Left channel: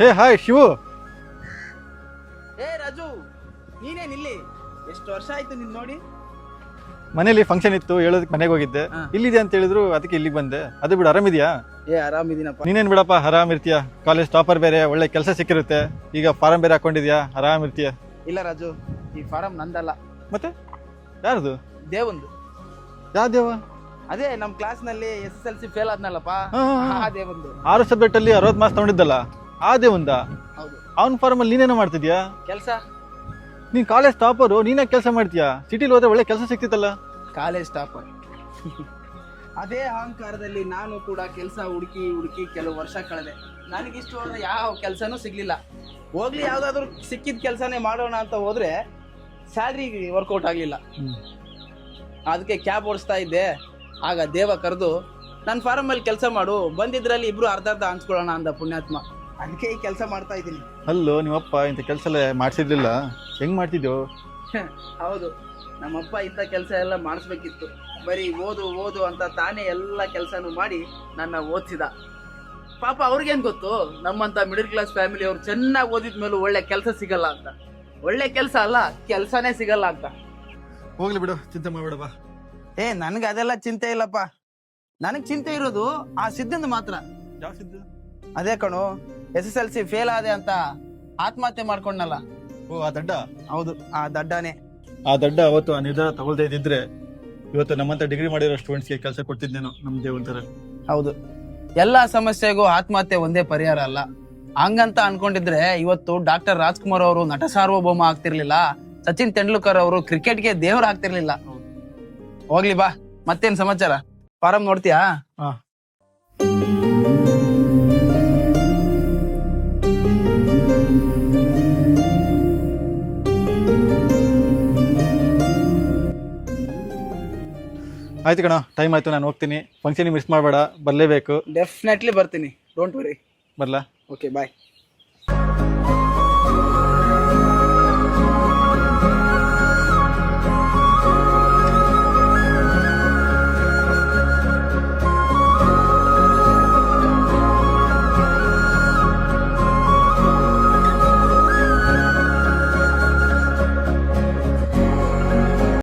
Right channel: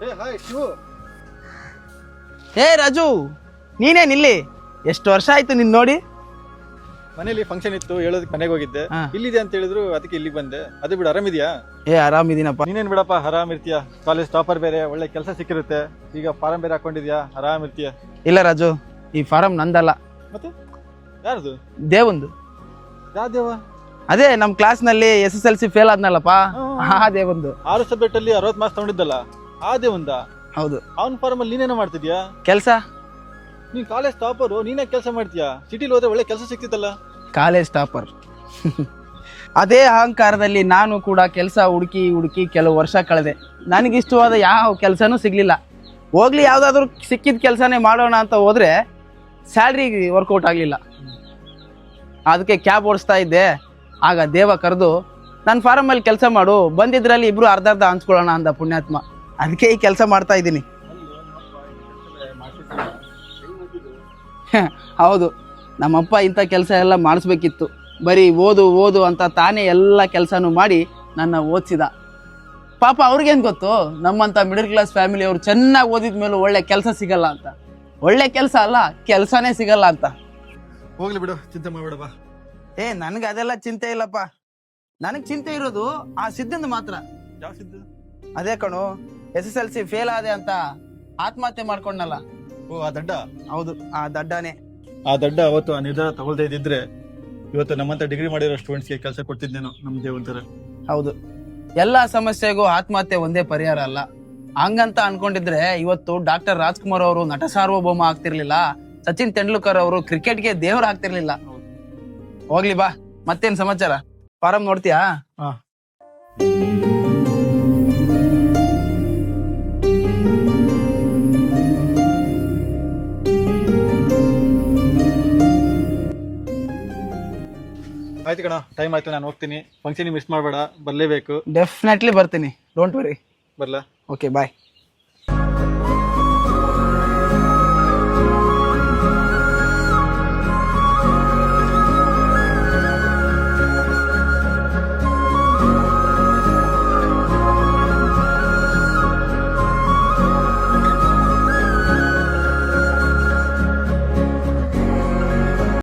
ಹೇ hi Shivu. Hey Raju, ನೀನೇನಿಲ್ಲಿ? ಎಷ್ಟು ವರ್ಷ ಆಯ್ತು ನಿನ್ ನೋಡಿ. ಮನೇಲಿ ಫಂಕ್ಷನ್ ಇತ್ತು, ಹೇಳೋದಕ್ಕೆ ಮನೆಗೆ ಹೋಗಿದ್ದೆ. ಇಲ್ಲಿದೆ ಅಂತ ಹೇಳಿದ್ರು, ಅದಕ್ಕೆ ಇಲ್ಲಿಗೆ ಬಂದೆ. ಅದೇ ಬಿಡು, ಆರಾಮಿದ್ಯಾ? ಆರಾಮಿದೀನಪ್ಪ. ನೀನೇನ್ ಬಿಡಪ್ಪ, ಆರಾಮ್ ಇರ್ತೀಯ. ಕಾಲೇಜ್ ಟಾಪರ್ ಬೇರೆ, ಒಳ್ಳೆ ಕೆಲಸ ಸಿಕ್ಕಿರುತ್ತೆ. ಈಗ ಫಾರಂ ಬೇರೆ ಹಾಕೊಂಡಿದ್ಯಾ, ಆರಾಮ್ ಇರ್ತೀಯ. ಇಲ್ಲ ರಾಜು, ಈ ಫಾರಂ ನಂದಲ್ಲ. ಮತ್ತೆ ಯಾರ್ದು? ದೇವಂದು. ಯಾವ ದೇವ? ಅದೇ ನಮ್ ಕ್ಲಾಸ್ ನಲ್ಲಿ SSLC ಫೇಲ್ ಆದ್ನಲ್ಲಪ್ಪ, ಆ ದೇವಂದು. 6 ಸಬ್ಜೆಕ್ಟ್ ಅಲ್ಲಿ 60 ಮಾರ್ಕ್ಸ್ ತಗೊಂಡಿದ್ದಲ್ಲ, ಆ ದೇವಂದ? ಹೌದು. ಅವ್ನ ಫಾರಂ ಅಲ್ಲಿ ನೀನೇನೋ ಮಾಡ್ತಿದ್ಯಾ ಕೆಲ್ಸ? ನೀನ್ ಕಾಲೇಜ್ ಟಾಪರು, ನೀನೇ ಕೆಲಸ ಮಾಡ್ತೀಯಾ? ಸಿಟಿಲಿ ಹೋದ್ರೆ ಒಳ್ಳೆ ಕೆಲಸ ಸಿಕ್ತಿತ್ತಲ್ಲ. College topper. ಅದೇ ಅಹಂಕಾರದಲ್ಲಿ ನಾನು ಕೂಡ ಕೆಲಸ ಹುಡುಕಿ ಹುಡುಕಿ ಕೆಲವು ವರ್ಷ ಕಳೆದೆ. ನನಗಿಷ್ಟವಾದ ಯಾವ ಕೆಲಸನೂ ಸಿಗ್ಲಿಲ್ಲ. ಹೋಗ್ಲಿ, ಯಾವ್ದಾದ್ರು ಸಿಕ್ಕಿದ ಕೆಲಸನೇ ಮಾಡೋಣ ಅಂತ ಹೋದ್ರೆ ಸ್ಯಾಲ್ರಿ ವರ್ಕೌಟ್ ಆಗ್ಲಿಲ್ಲ. ಅದಕ್ಕೆ ಕ್ಯಾಬ್ ಓಡಿಸ್ತಾ ಇದ್ದೆ. ಆಗ ದೇವ ಕರೆದು ನನ್ನ ಫಾರಮಲ್ಲಿ ಕೆಲಸ ಮಾಡು, ಬಂದಿದ್ರಲ್ಲಿ ಇಬ್ರು ಅರ್ಧ ಹಂಚ್ಕೊಳ್ಳೋಣ ಅಂದ ಪುಣ್ಯಾತ್ಮ. ಅದಕ್ಕೆ ಈ ಕೆಲಸ ಮಾಡ್ತಾ ಇದ್ದೀನಿ. ಅಲ್ಲೋ, ನಿಮ್ಮಪ್ಪ ಇಂಥ ಕೆಲಸ ಎಲ್ಲ ಮಾಡಿಸಿರ್ಲಿಲ್ಲ, ಹೆಂಗ್ ಮಾಡ್ತಿದ್ಯೋ? ಹೌದು, ನಮ್ಮಪ್ಪ ಇಂಥ ಕೆಲಸ ಎಲ್ಲ ಮಾಡಿಸ್ಬೇಕಿತ್ತು. ಬರೀ ಓದು ಓದು ಅಂತ ತಾನೇ ಎಲ್ಲ ಕೆಲಸನೂ ಮಾಡಿ ನನ್ನ ಓದಿಸಿದ. ಪಾಪ ಅವ್ರಿಗೇನು ಗೊತ್ತು, ನಮ್ಮಂಥ ಮಿಡಲ್ ಕ್ಲಾಸ್ ಫ್ಯಾಮಿಲಿ ಅವ್ರು ಚೆನ್ನಾಗಿ ಓದಿದ ಮೇಲೂ ಒಳ್ಳೆ ಕೆಲಸ ಸಿಗಲ್ಲ ಅಂತ. ಒಳ್ಳೆ ಕೆಲಸ ಅಲ್ಲ, ಕೆಲಸನೇ ಸಿಗಲ್ಲ ಅಂತ. ಹೋಗ್ಲಿ ಬಿಡು, ಚಿಂತೆ ಮಾಡ್ಬೇಡ ಬಾ. ನನಗೆ ಅದೆಲ್ಲ ಚಿಂತೆ ಇಲ್ಲಪ್ಪ. ನನಗೆ ಚಿಂತೆ ಇರೋದು ಆ ಸಿದ್ಧಂದು ಮಾತ್ರ. ಯಾವ ಸಿದ್ದು? ಅದೇ ಕಣು, SSLC ಫೇಲ್ ಆದೆ ಅಂತ ಆತ್ಮಹತ್ಯೆ ಮಾಡ್ಕೊಂಡಲ್ಲ. ಓ, ಆ ದಡ್ಡ? ಹೌದು, ಆ ದಡ್ಡನೇ. ಆ ದಡ್ಡ ಅವತ್ತು ಆ ನಿರ್ಧಾರ ತಗೊಳ್ತಾ ಇದ್ದಿದ್ರೆ ಇವತ್ತು ನಮ್ಮಂತ ಡಿಗ್ರಿ ಮಾಡಿರೋ ಸ್ಟೂಡೆಂಟ್ಸ್ಗೆ ಕೆಲಸ ಕೊಡ್ತಿದ್ದೇನೋ, ನಮ್ದೇ ಒಂಥರ. ಹೌದು, ಎಲ್ಲಾ ಸಮಸ್ಯೆಗೂ ಆತ್ಮಹತ್ಯೆ ಒಂದೇ ಪರಿಹಾರ ಅಲ್ಲ. ಹಂಗಂತ ಅನ್ಕೊಂಡಿದ್ರೆ ಇವತ್ತು ಡಾಕ್ಟರ್ ರಾಜ್ಕುಮಾರ್ ಅವರು ನಟ ಸಾರ್ವಭೌಮ ಆಗ್ತಿರ್ಲಿಲ್ಲ, ಸಚಿನ್ ತೆಂಡೂಲ್ಕರ್ ಅವರು ಕ್ರಿಕೆಟ್ಗೆ ದೇವ್ರ ಆಗ್ತಿರ್ಲಿಲ್ಲ. ಹೋಗ್ಲಿ ಬಾ, ಮತ್ತೇನ್ ಸಮಾಚಾರ? ಫಾರಂ ನೋಡ್ತೀಯಾ? ಆಯ್ತು ಕಣ, ಟೈಮ್ ಆಯ್ತು, ನಾನು ಹೋಗ್ತೀನಿ. ಫಂಕ್ಷನ್ ಮಿಸ್ ಮಾಡಬೇಡ, ಬರಲೇಬೇಕು. ಡೆಫಿನೆಟ್ಲಿ ಬರ್ತೀನಿ, ಡೋಂಟ್ ವರಿ. ಬರ್ಲಾ? ಓಕೆ, ಬಾಯ್.